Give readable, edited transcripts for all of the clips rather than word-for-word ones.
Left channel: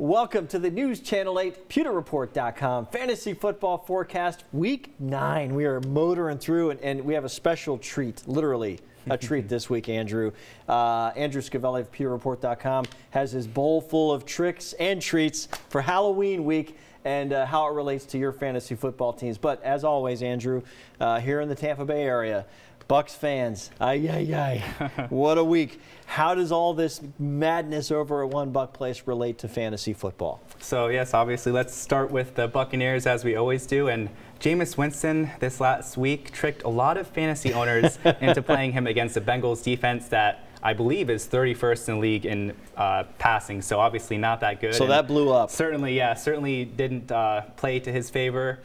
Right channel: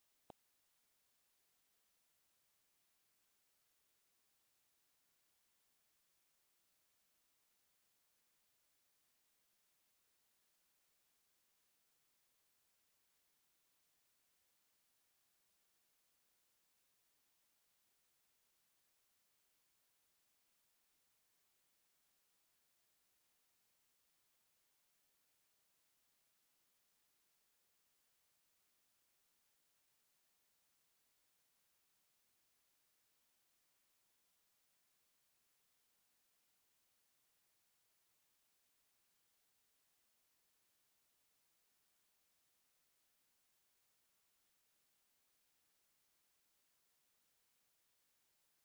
Welcome to the News Channel 8 PewterReport.com Fantasy Football Forecast Week 9. We are motoring through, and we have a special treat, literally a treat this week, Andrew. Andrew Scavelli of PewterReport.com has his bowl full of tricks and treats for Halloween week and how it relates to your fantasy football teams. But as always, Andrew, here in the Tampa Bay area, Bucs fans, what a week. How does all this madness over at One Buck Place relate to fantasy football? So yes, obviously, let's start with the Buccaneers as we always do. And Jameis Winston this last week tricked a lot of fantasy owners into playing him against the Bengals defense that I believe is 31st in the league in passing. So obviously not that good. So that blew up. Certainly, yeah, certainly didn't play to his favor.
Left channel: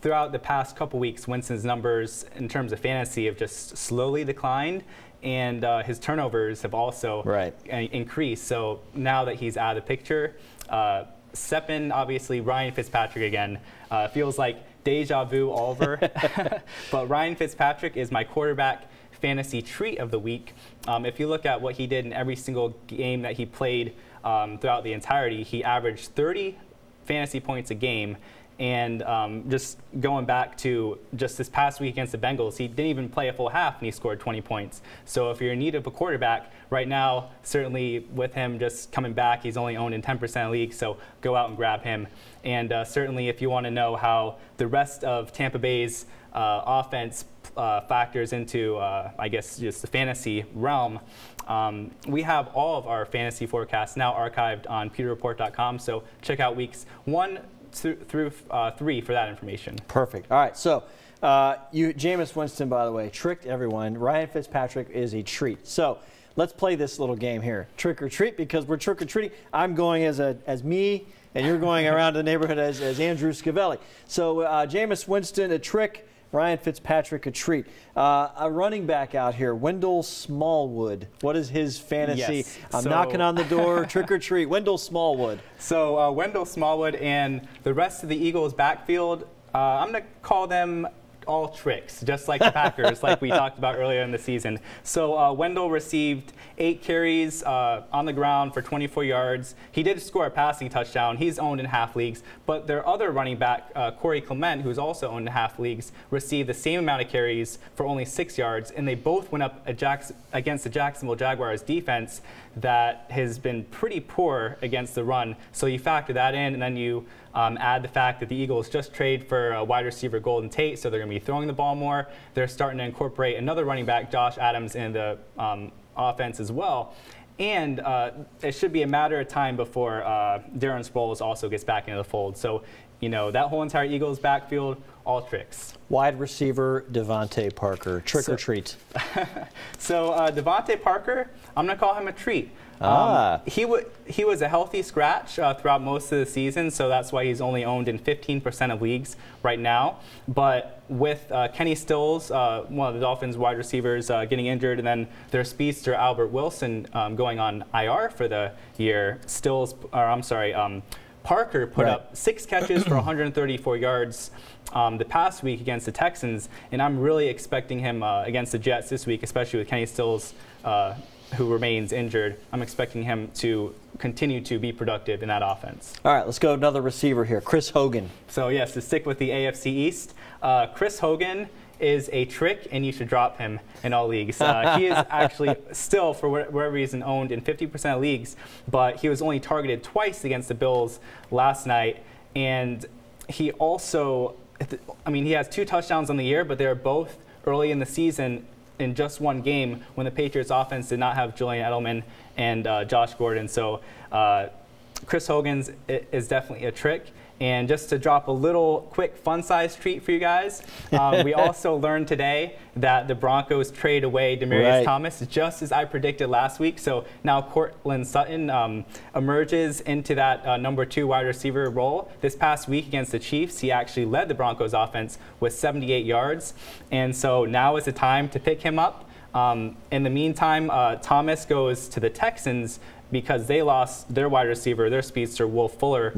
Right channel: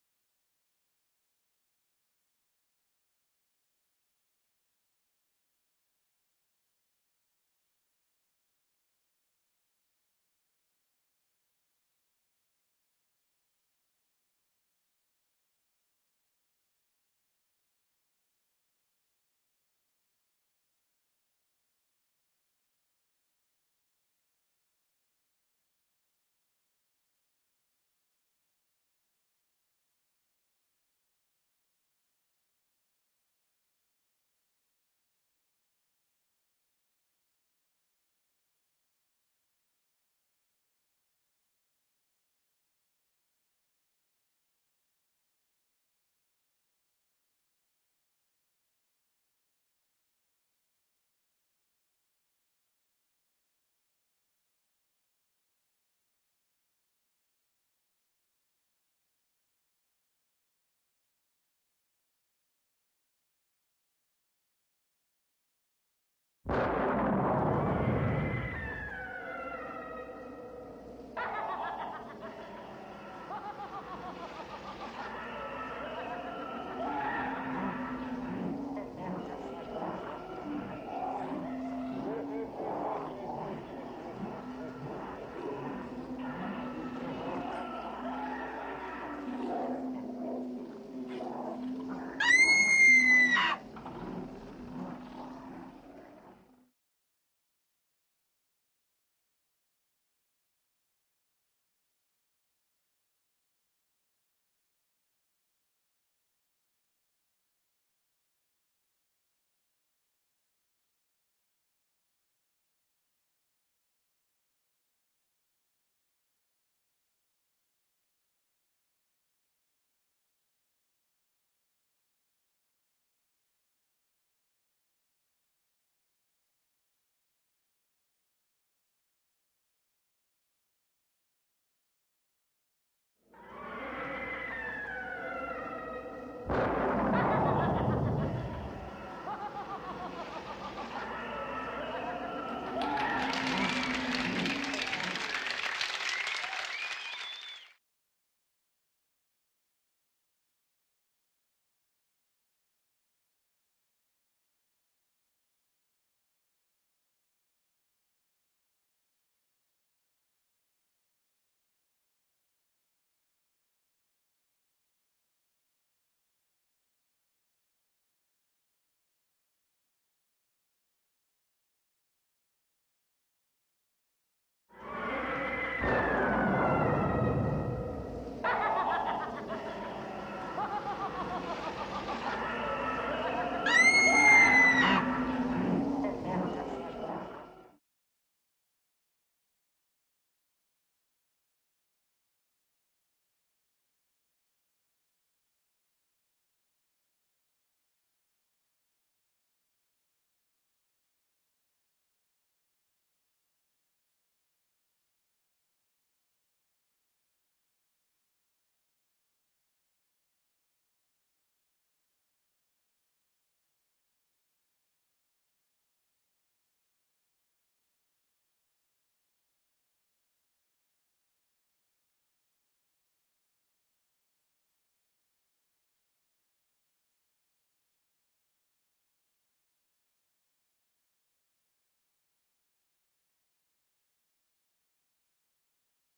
Throughout the past couple weeks, Winston's numbers in terms of fantasy have just slowly declined, and his turnovers have also increased. So now that he's out of the picture, step in, obviously, Ryan Fitzpatrick again. Feels like deja vu all over. But Ryan Fitzpatrick is my quarterback fantasy treat of the week. If you look at what he did in every single game that he played throughout the entirety, he averaged 30 fantasy points a game. And just going back to just this past week against the Bengals, he didn't even play a full half and he scored 20 points. So if you're in need of a quarterback right now, certainly with him just coming back, he's only owned in 10% of leagues, so go out and grab him. And certainly if you want to know how the rest of Tampa Bay's offense factors into, I guess, just the fantasy realm, we have all of our fantasy forecasts now archived on PewterReport.com, so check out weeks 1 through 3 for that information. Perfect. All right, so Jameis Winston, by the way, tricked everyone. Ryan Fitzpatrick is a treat. So let's play this little game here, trick or treat, because we're trick or treating. I'm going as me, and you're going around the neighborhood as Andrew Scavelli. So Jameis Winston, a trick. Ryan Fitzpatrick, a treat. A running back out here, Wendell Smallwood. What is his fantasy? Yes. I'm knocking on the door, trick or treat. Wendell Smallwood. So Wendell Smallwood and the rest of the Eagles' backfield, I'm going to call them all tricks, just like the Packers, like we talked about earlier in the season. So Wendell received 8 carries on the ground for 24 yards. He did score a passing touchdown. He's owned in half leagues. But their other running back, Corey Clement, who's also owned in half leagues, received the same amount of carries for only 6 yards. And they both went up against the Jacksonville Jaguars defense that has been pretty poor against the run. So you factor that in, and then you add the fact that the Eagles just traded for wide receiver Golden Tate, so they're going to be throwing the ball more. They're starting to incorporate another running back, Josh Adams, in the offense as well. And it should be a matter of time before Darren Sproles also gets back into the fold. So, you know, that whole entire Eagles backfield, all tricks. Wide receiver Devontae Parker, trick or treat. So Devontae Parker, I'm going to call him a treat. He was a healthy scratch throughout most of the season, so that's why he's only owned in 15% of leagues right now. But with Kenny Stills, one of the Dolphins wide receivers, getting injured, and then their speedster Albert Wilson going on IR for the year, Parker put up 6 catches for 134 yards the past week against the Texans, and I'm really expecting him against the Jets this week, especially with Kenny Stills, who remains injured. I'm expecting him to continue to be productive in that offense. All right, let's go to another receiver here, Chris Hogan. So yes, to stick with the AFC East, Chris Hogan is a trick, and you should drop him in all leagues. He is actually still, for whatever reason, owned in 50% of leagues, but he was only targeted twice against the Bills last night, and he also, I mean, he has 2 touchdowns on the year, but they're both early in the season in just one game when the Patriots offense did not have Julian Edelman and Josh Gordon. So Chris Hogan's is definitely a trick. And just to drop a little quick fun-sized treat for you guys, we also learned today that the Broncos trade away Demaryius Thomas, just as I predicted last week. So now Courtland Sutton emerges into that #2 wide receiver role. This past week against the Chiefs, he actually led the Broncos offense with 78 yards. And so now is the time to pick him up. In the meantime, Thomas goes to the Texans because they lost their wide receiver, their speedster, Will Fuller,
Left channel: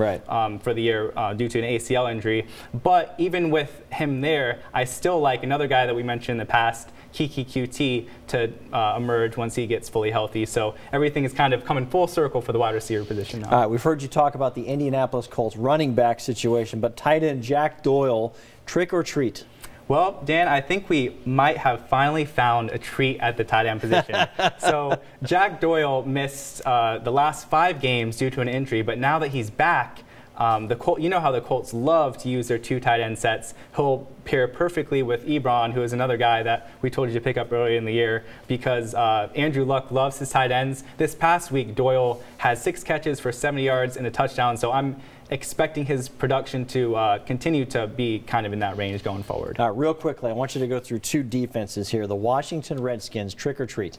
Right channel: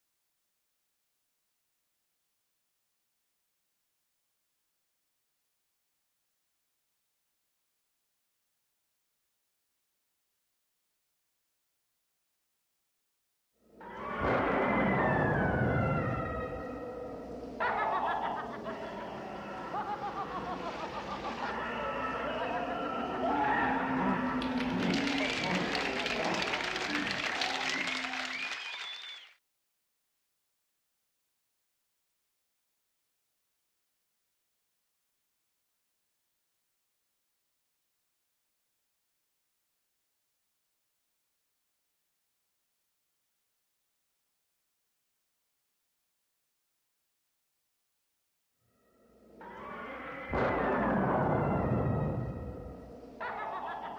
for the year due to an ACL injury. But even with him there, I still like another guy that we mentioned in the past, Kiki QT to emerge once he gets fully healthy. So everything is kind of coming full circle for the wide receiver position now. All right, we've heard you talk about the Indianapolis Colts running back situation, but tight end Jack Doyle, trick or treat? Well, Dan, I think we might have finally found a treat at the tight end position. So Jack Doyle missed the last 5 games due to an injury, but now that he's back, you know how the Colts love to use their 2 tight end sets. He'll pair perfectly with Ebron, who is another guy that we told you to pick up earlier in the year, because Andrew Luck loves his tight ends. This past week, Doyle had 6 catches for 70 yards and a touchdown, so I'm expecting his production to continue to be kind of in that range going forward. Real quickly, I want you to go through 2 defenses here. The Washington Redskins, trick or treat?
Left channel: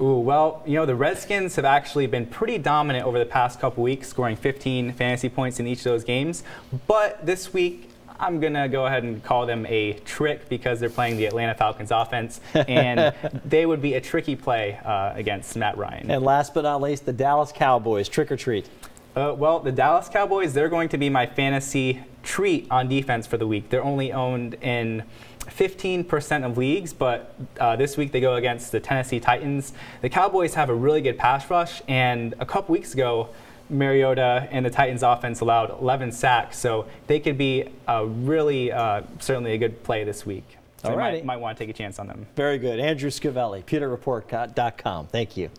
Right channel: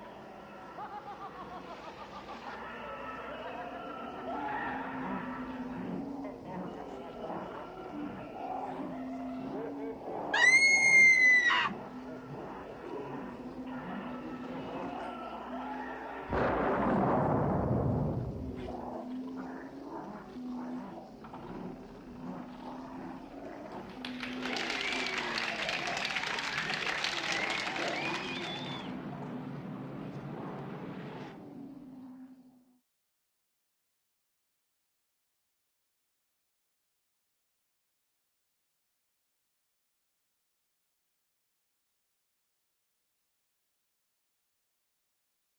Ooh, well, you know, the Redskins have actually been pretty dominant over the past couple weeks, scoring 15 fantasy points in each of those games. But this week, I'm going to go ahead and call them a trick because they're playing the Atlanta Falcons offense, and they would be a tricky play against Matt Ryan. And last but not least, the Dallas Cowboys, trick or treat? Well, the Dallas Cowboys, they're going to be my fantasy treat on defense for the week. They're only owned in 15% of leagues, but this week they go against the Tennessee Titans. The Cowboys have a really good pass rush, and a couple weeks ago, Mariota and the Titans offense allowed 11 sacks, so they could be really, certainly a good play this week. So you might want to take a chance on them. Very good. Andrew Scavelli, PewterReport.com. Thank you.